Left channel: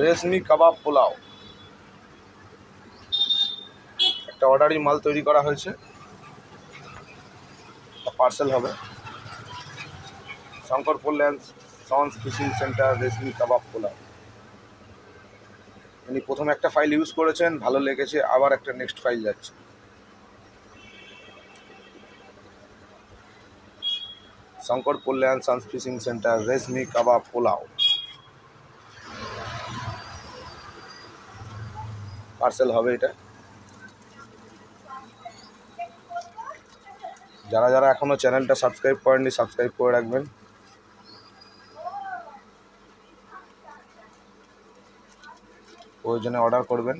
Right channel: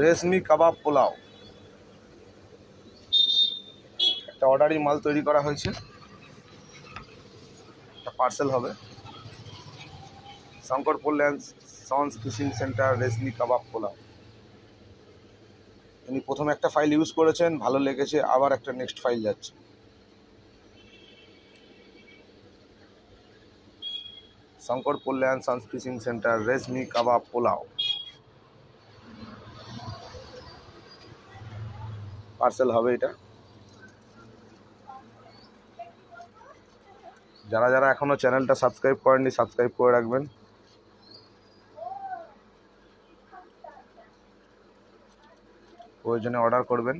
রেশমি কাবাব পোলাও একটা অর্ডারি মাল তৈরি করা হয়েছে, পার্সেল হবে। শঙ্কর কল্যাণ সন্স ফিশিং সেন্টার রেশমি কাবাব পোলাও। উনি প্রথমে একটা ফাইল ইউজ করেছেন, ভালো লেগেছে, আবার একটা নেক্সট ফাইল যাচ্ছে। শঙ্কর কল্যাণ সন্স ফিশিং সেন্টার রেশমি কাবাব পোলাও পার্সেল হবে এটা। যারা যারা এখনো চ্যানেলটা সাবস্ক্রাইব করেননি সাবস্ক্রাইব করে রাখবেন। প্রয়োজনে অর্ডার করবেন।